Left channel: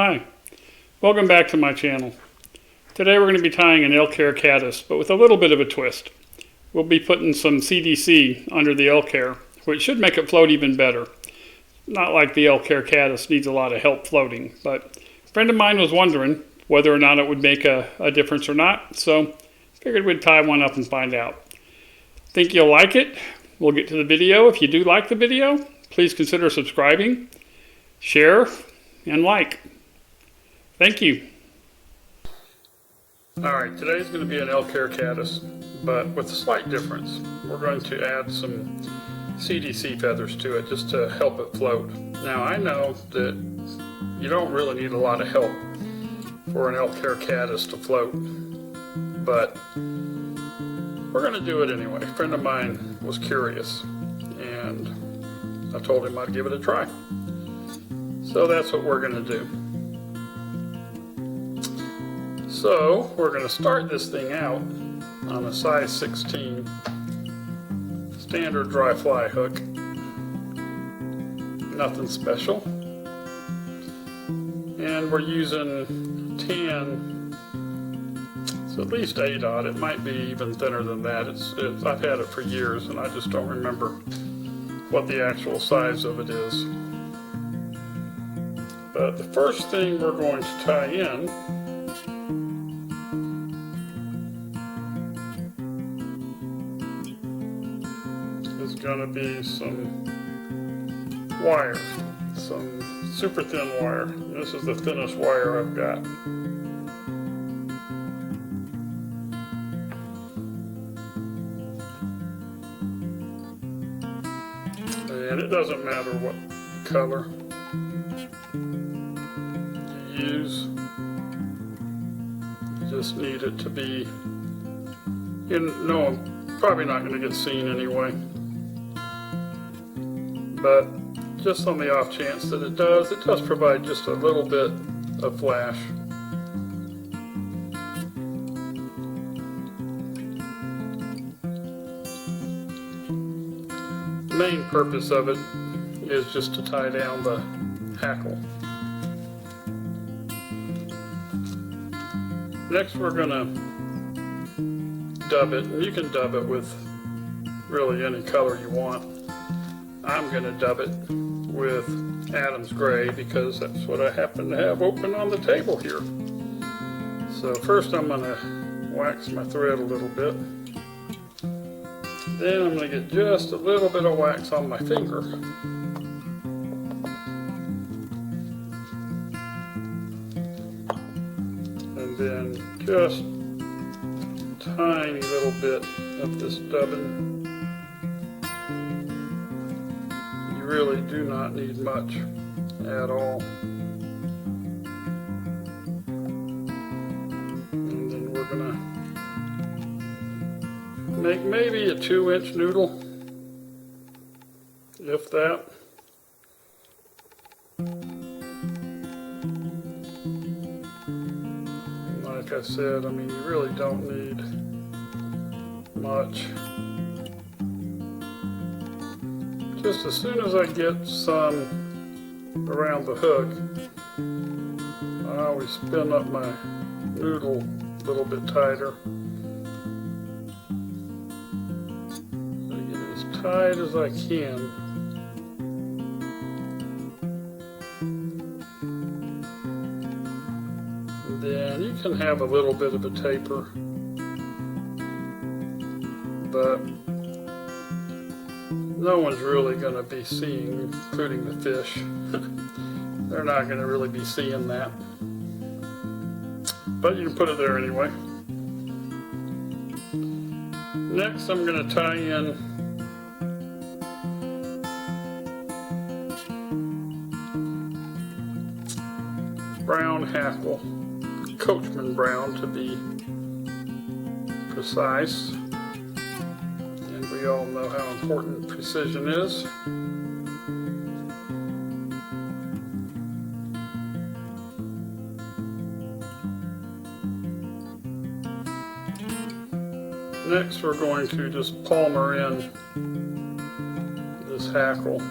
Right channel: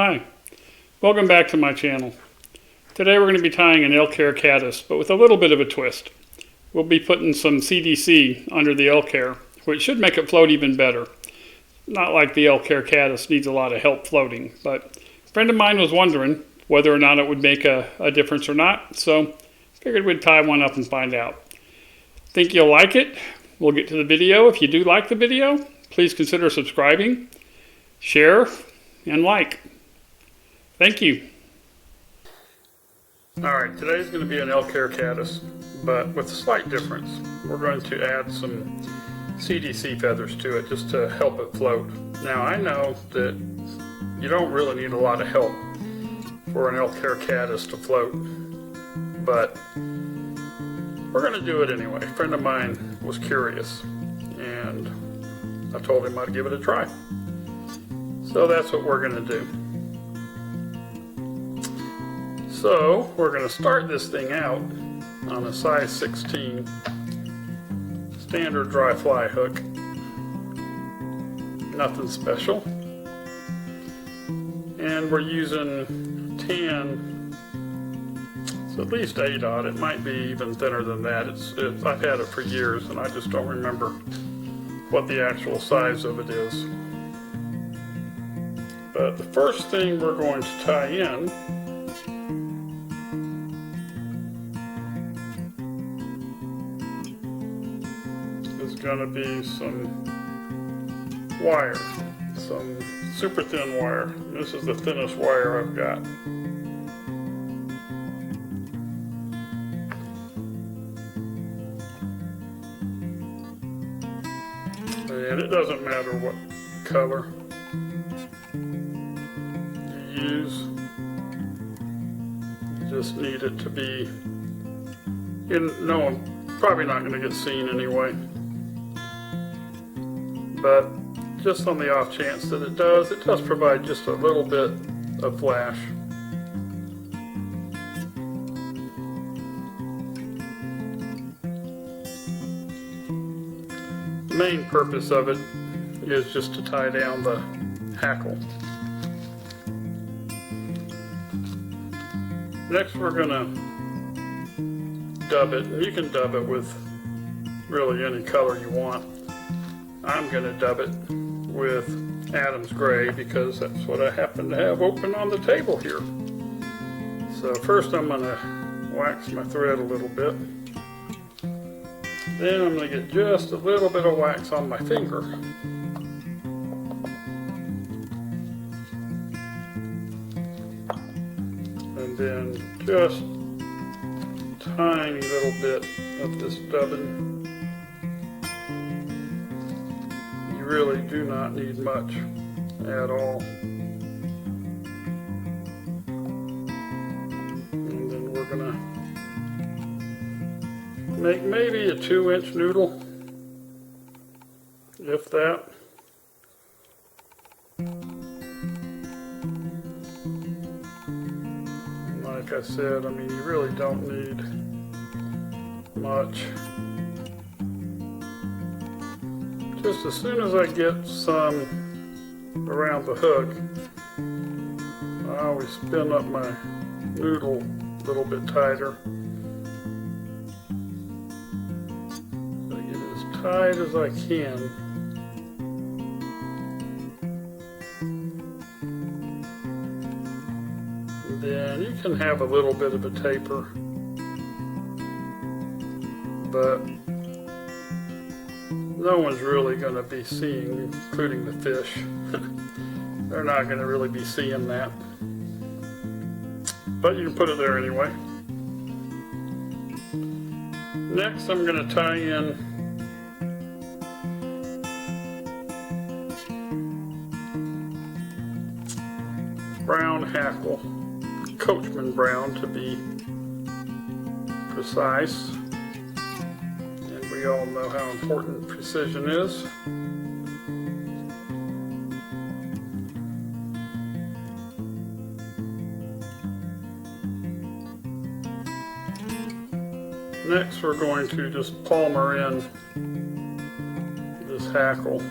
Hi, welcome back to my channel. Today we're going to be tying an elk hair caddis, but with a little bit of a twist. We'll be putting some CDC under the elk hair, which should make it float even better. Not like the elk hair caddis needs a lot of help floating, but a friend of mine was wondering whether or not it would make a difference or not, so figured we'd tie one up and find out. Think you'll like it? We'll get to the video. If you do like the video, please consider subscribing, share, and like. Thank you. Alright, today's going to be an elk hair caddis, but with a slight difference. We're going to add some CDC feathers to it just to help it float. Now I know that you don't really need a lot of help for an elk hair caddis to float, but we're going to do it anyway. A friend of mine was curious and I told him I'd give it a try. So that's what we're going to do. So we're going to start this thing out on a size 16 standard dry fly hook. Nothing special. And we're using 10, it's at least 8/0. It might be even thinner than that. I've had it for years and I just don't remember what the actual size of it is. But the first thing we're going to tie in is going to be some wire, some super thin wire. And this is the thinnest wire I've got. And it doesn't matter what color you use, you just need it to be, no, probably not going to get seen anyway. But just on the off chance that it does provide just a little bit of flash. The main purpose of it is just to tie down the hackle. Next we're going to dub it, and you can dub it with really any color you want. I'm going to dub it with Adam's Gray because that's what I happen to have open on the table here. So first I'm going to wax my thread a little bit. Then I'm going to get just a little bit of wax on my finger. And then just a tiny little bit of this dubbing. You really do not need much at all. And then we're going to make maybe a 2-inch noodle, if that. And like I said, I mean, you really don't need much. Just as soon as I get some around the hook, I always spin up my noodle a little bit tighter. So I get it as tight as I can. And then you can have a little bit of a taper, but no one's really going to be seeing, including the fish. They're not going to really be seeing that. But you can put it there anyway. Next I'm going to tie in brown hackle, Coachman brown to be precise. And we all know how important precision is. Next we're going to just palmer in this hackle.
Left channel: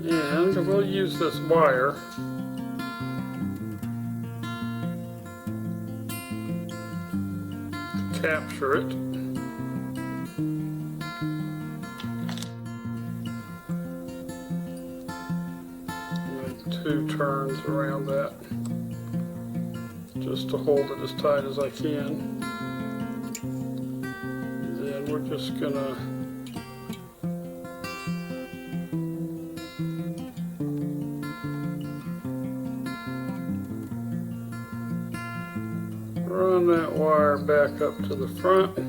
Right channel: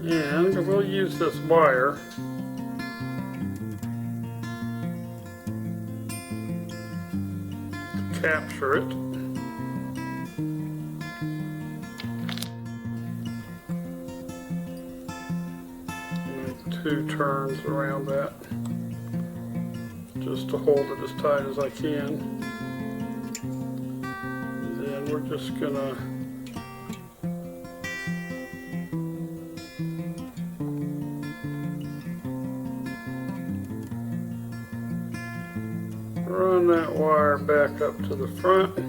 And we'll use this wire to capture it. Make 2 turns around that just to hold it as tight as I can. And then we're just gonna run that wire back up to the front.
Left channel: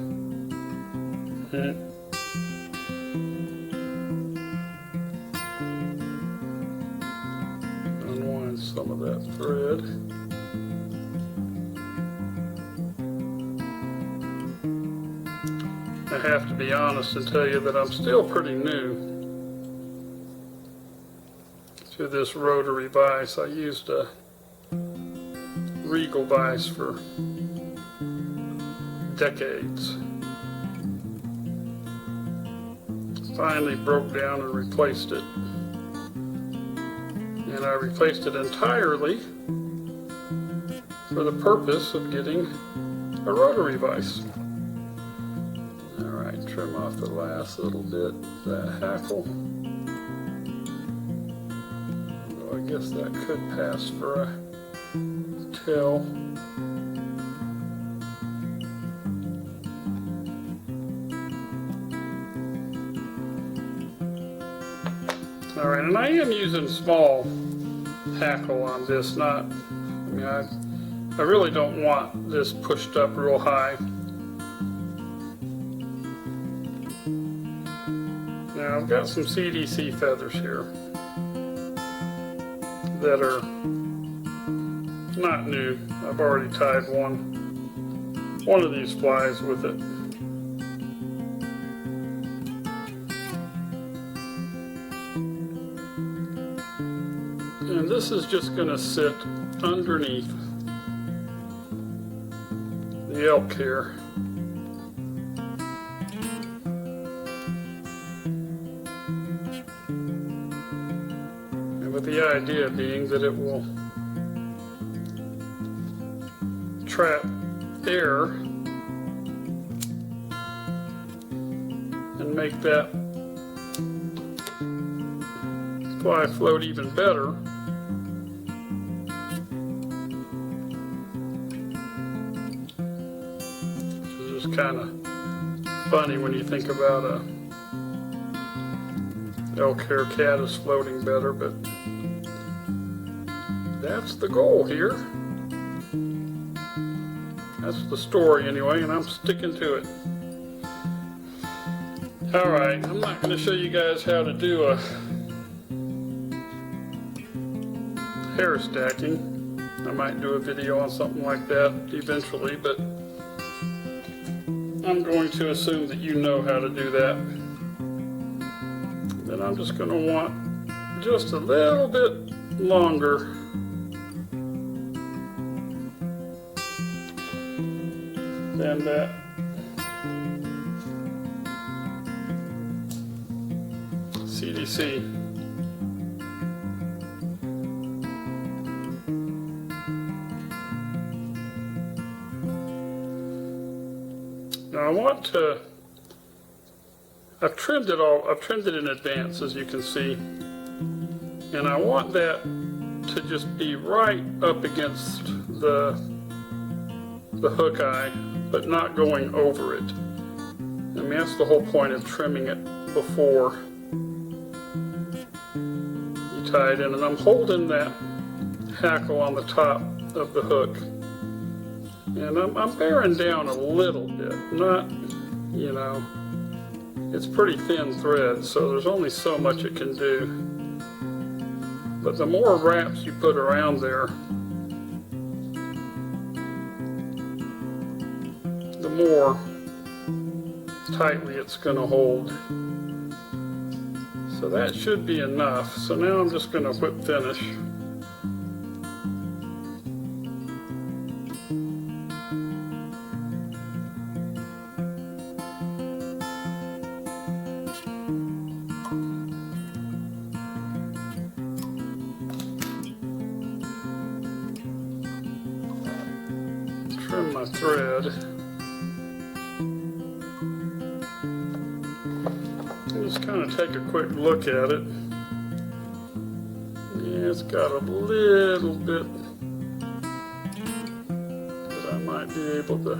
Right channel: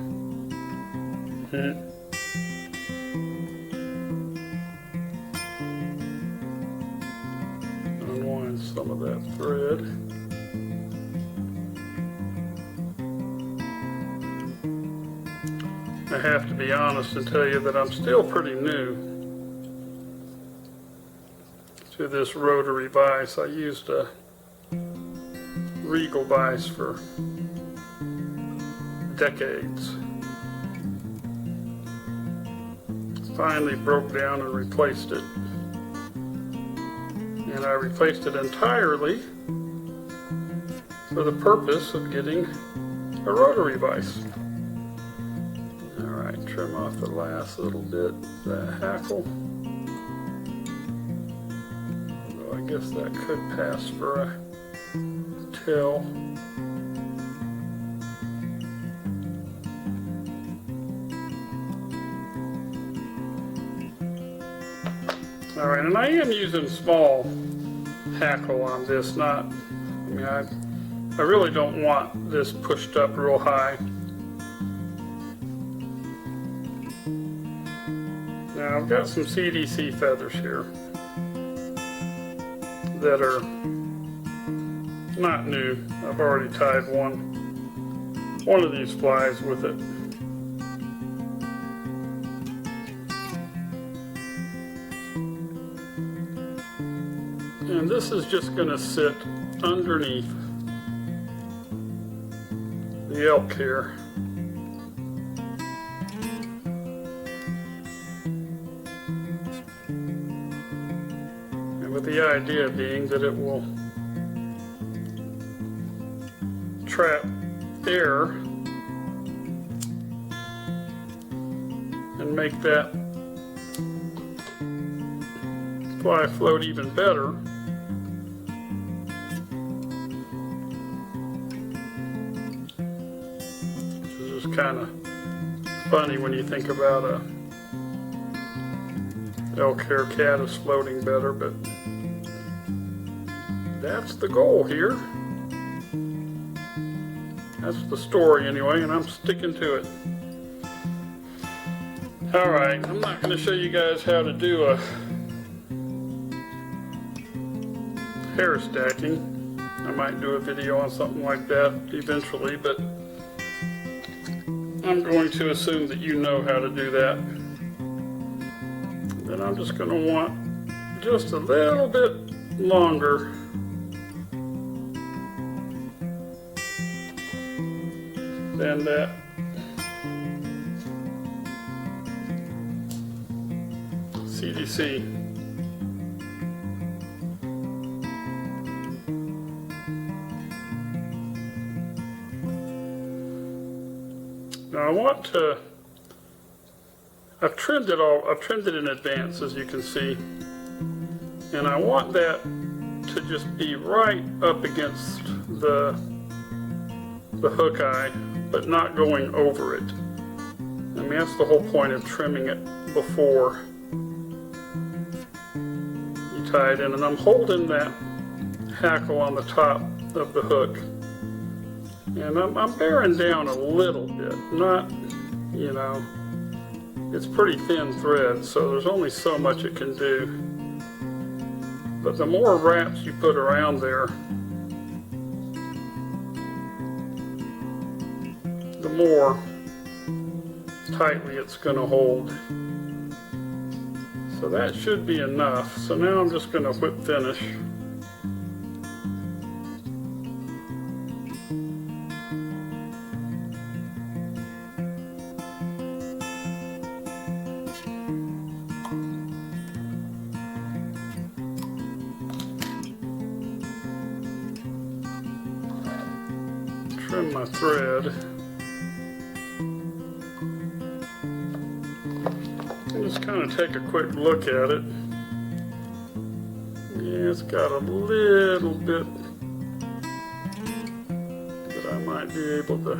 Unwind some of that thread. I have to be honest and tell you that I'm still pretty new to this rotary vise. I used a Regal vise for decades. Finally broke down and replaced it. And I replaced it entirely for the purpose of getting a rotary vise. Alright, trim off the last little bit of that hackle. Although I guess that could pass for a tail. Alright, and I am using small hackle on this, I really don't want this pushed up real high. Now I've got some CDC feathers here that are not new. I've already tied one of these flies with it. And this is just going to sit underneath the elk hair. And with the idea being that it will trap air and make that fly float even better. Which is just kind of funny when you think about a Elk Hair Caddis floating better, but that's the goal here. That's the story anyway, and I'm sticking to it. Alright, I'm not going to show you guys how to do a hair stacking. I might do a video on something like that eventually, but I'm going to assume that you know how to do that. Then I'm just going to want just a little bit longer than that. CDC. Now I've trimmed it in advance, as you can see, and I want that to just be right up against the hook eye, but not going over it. I mean, that's the whole point of trimming it before you tie it in. And I'm holding that hackle on the top of the hook, and I'm bearing down a little bit, not, you know, it's pretty thin thread, so there's only so much it can do. But the more wraps you put around there, the more tightly it's going to hold. So that should be enough. So now I'm just going to whip finish. trim my thread. And just kind of take a quick look at it. Yeah, it's got a little bit that I might be able to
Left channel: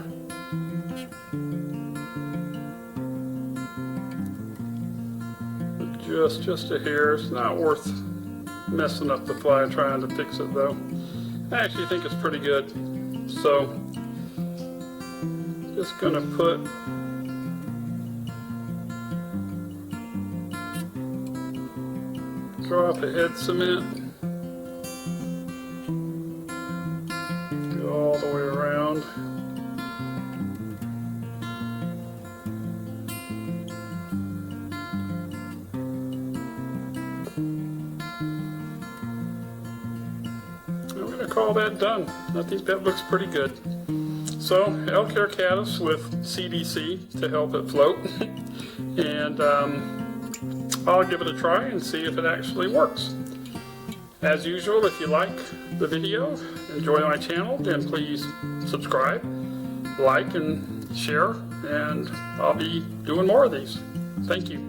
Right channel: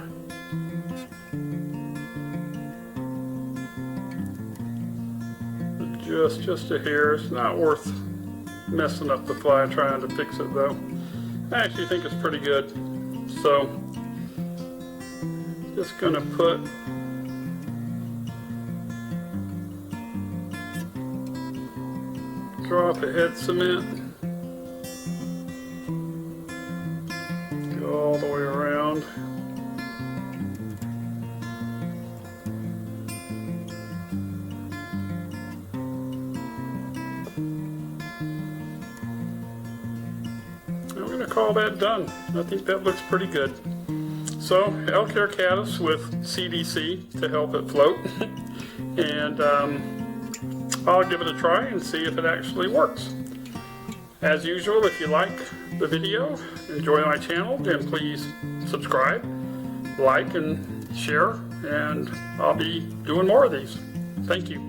adjust just a hair. It's not worth messing up the fly trying to fix it though. I actually think it's pretty good. So, just gonna put drop of head cement, go all the way around. I'm going to call that done. I think that looks pretty good. So, Elk Hair Caddis with CDC to help it float. And I'll give it a try and see if it actually works. As usual, if you like the video, enjoy my channel, then please subscribe, like, and share, and I'll be doing more of these. Thank you.